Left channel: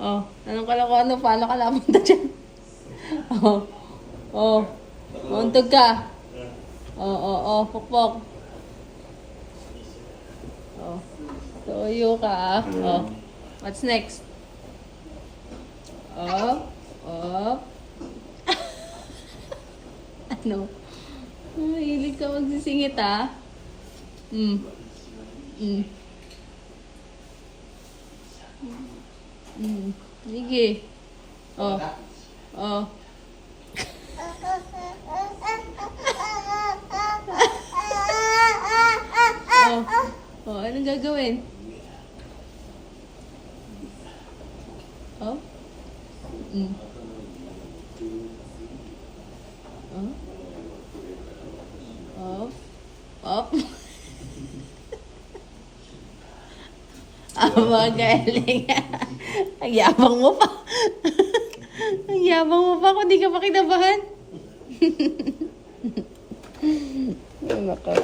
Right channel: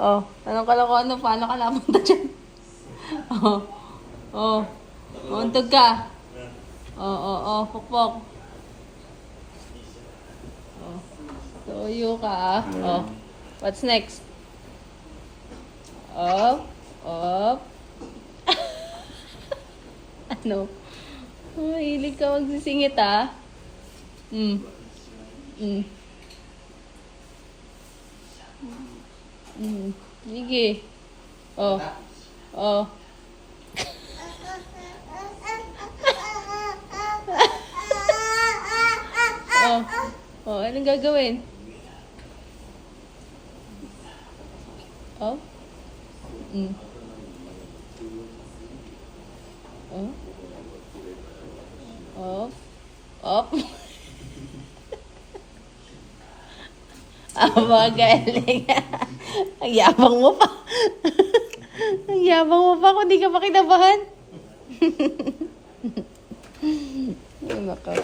Oh, anong kalokohan? Paano ka napunta dyan? Oh, oh. Mauntog ka. Pukpok. Oh. Tuyo ka ah. Oh. What's next? Up. Up. Ano? Mahilig ka magsisingit ah. Sige. Oh. Oh. Oh, anong gagawin? Oh? Oh? Oh? Oh? Magaling. Ang yabang mo pa. Ang yabang mo pa kung di ka pa kinabahan. Ay,